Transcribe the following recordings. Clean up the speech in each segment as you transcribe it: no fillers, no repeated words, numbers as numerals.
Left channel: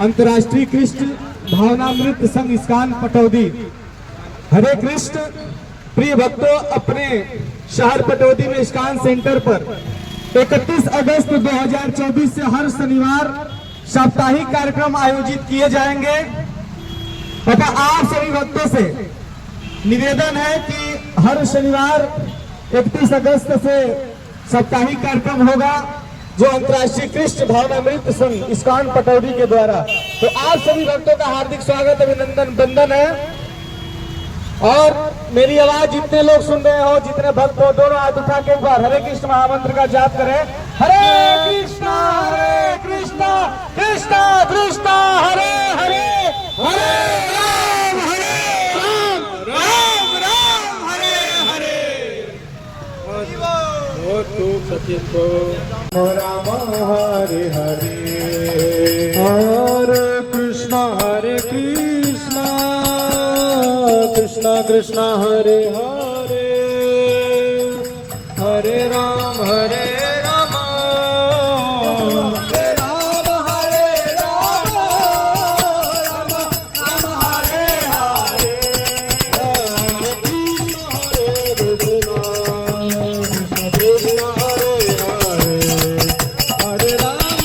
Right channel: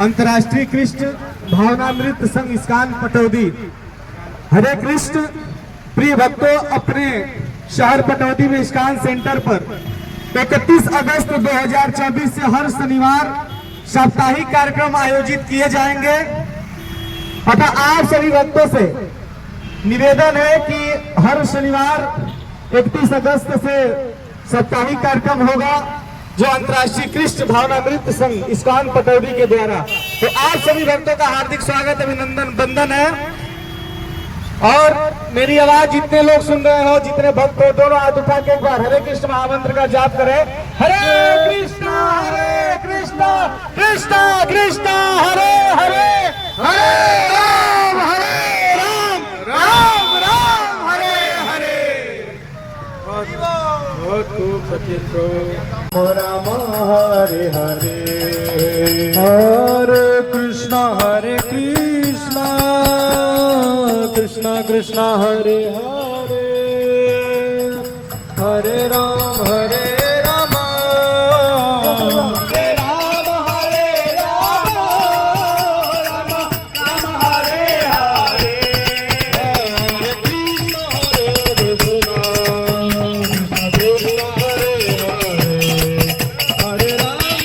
अंतर्राष्ट्रीय कृष्ण भावनामृत संघ इस्कान पटौदी। हरे कृष्ण प्रिय भक्तों, अपने शहर पटौदी में इस्कान सेंटर पर 31 अगस्त 2024 से हर शनिवार साप्ताहिक कार्यक्रम आयोजित किए जाएंगे। अतः आप सभी भक्तों से निवेदन है कि हर शनिवार 31 अगस्त से साप्ताहिक कार्यक्रम होगा जो अंतर्राष्ट्रीय कृष्ण भावनामृत संघ इस्कान पटौदी के द्वारा। तो आप सभी भक्तों का हार्दिक स्वागत, अभिनंदन, वंदन है। और मेरी आवाज जितने लोग सुन रहे हो, जितने भक्त हो, दोनों हाथ उठा के एक बार हरे कृष्ण महामंत्र का जाप करें। हरे कृष्ण कृष्ण कृष्ण हरे हरे, हरे राम राम राम हरे हरे। राम हरे हरे, हरे कृष्ण कृष्ण कृष्ण हरे हरे, हरे राम राम हरे राम, राम हरे हरे, हरे कृष्ण कृष्ण हरे हरे, हरे राम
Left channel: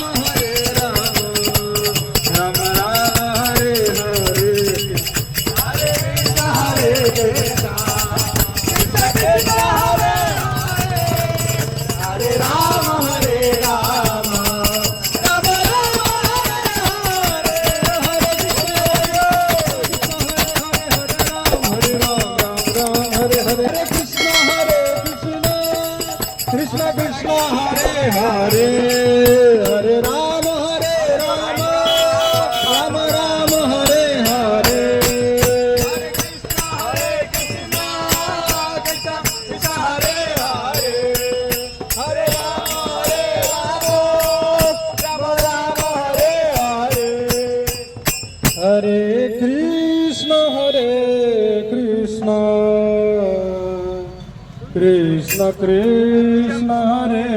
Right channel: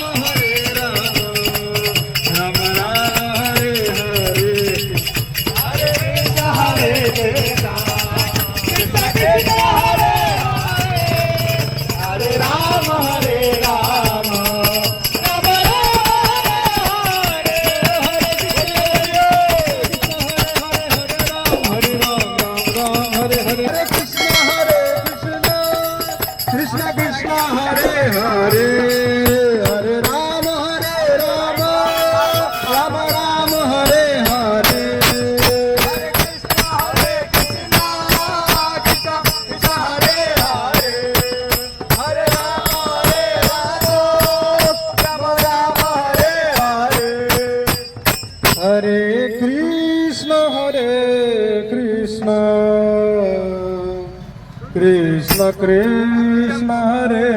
राम हरे हरे, कृष्ण कृष्ण हरे हरे, हरे राम राम राम हरे हरे, हरे कृष्ण कृष्ण कृष्ण हरे हरे, हरे राम राम हरे हरे, हरे कृष्ण कृष्ण कृष्ण हरे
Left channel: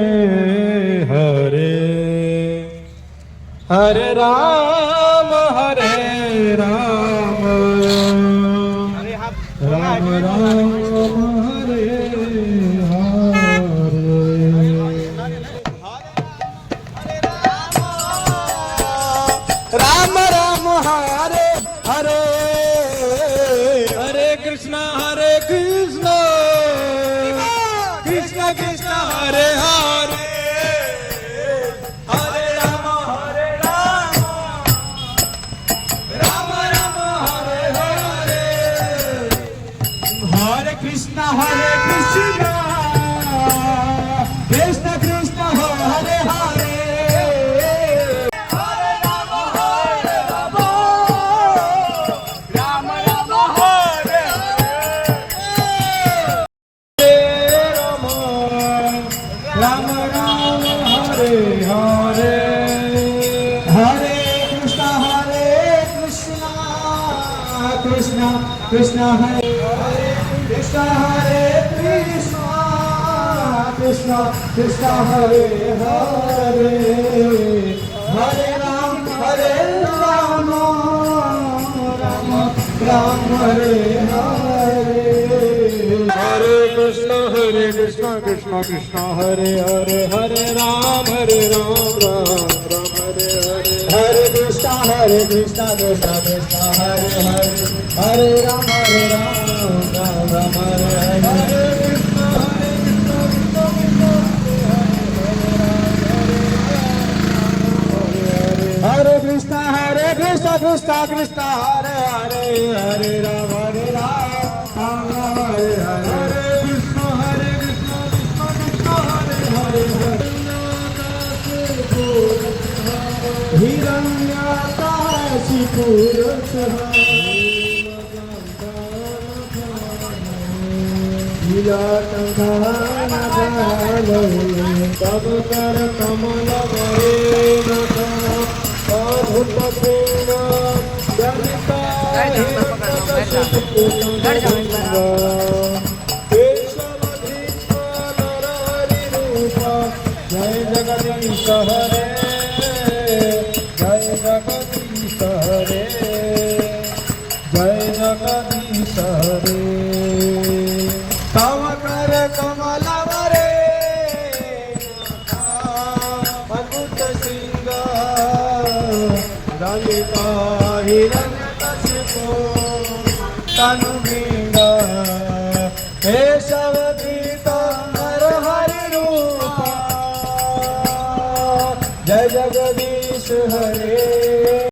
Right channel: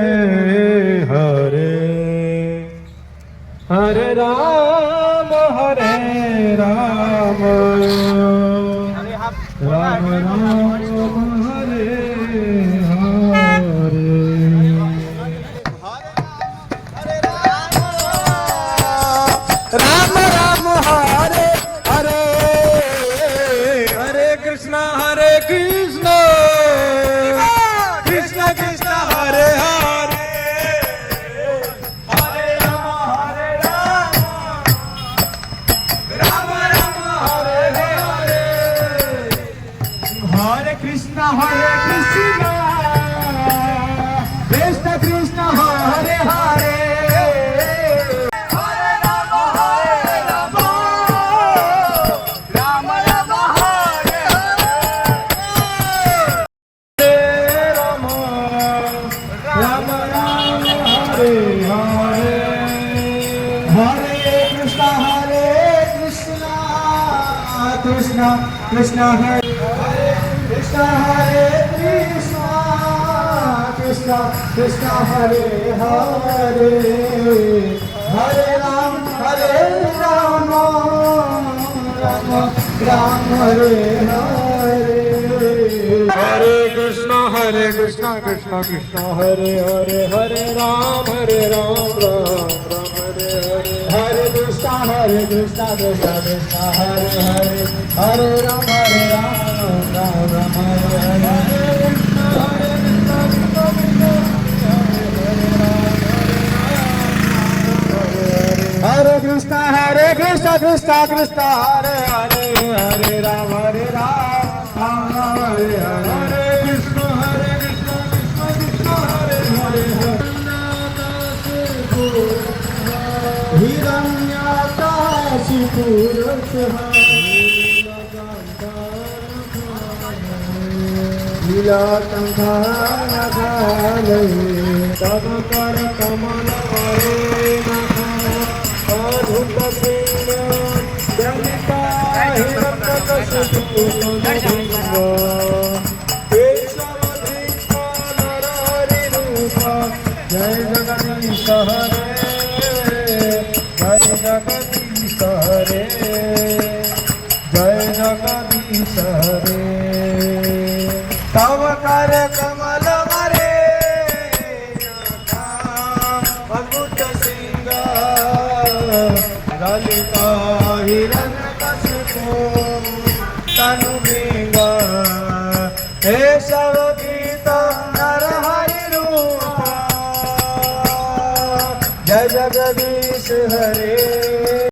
हरे, हरे राम राम हरे हरे। राम राम हरे हरे, हरे कृष्ण कृष्ण कृष्ण कृष्ण हरे हरे, हरे राम राम राम हरे हरे, हरे कृष्ण कृष्ण कृष्ण हरे हरे, हरे राम राम राम हरे हरे, राम राम हरे हरे, हरे कृष्ण कृष्ण कृष्ण हरे कृष्ण, हरे कृष्ण कृष्ण हरे हरे, हरे राम राम राम हरे हरे, हरे कृष्ण कृष्ण कृष्ण हरे हरे, हरे राम राम राम हरे हरे, हरे कृष्ण कृष्ण कृष्ण हरे हरे, हरे राम राम राम हरे हरे, हरे कृष्ण कृष्ण कृष्ण हरे हरे, हरे राम हरे हरे, हरे कृष्ण कृष्ण हरे हरे, हिरण्याकाशिपुरः तब कर कमल हरे जय जगदीश हरे, जय जगदीश जय जगदीश रे तव कर कमल मरे भगुत सिंह ललिता हिरण कशिपो तनु भृंग हे शव गीत नर हरि रूप जय जगदीश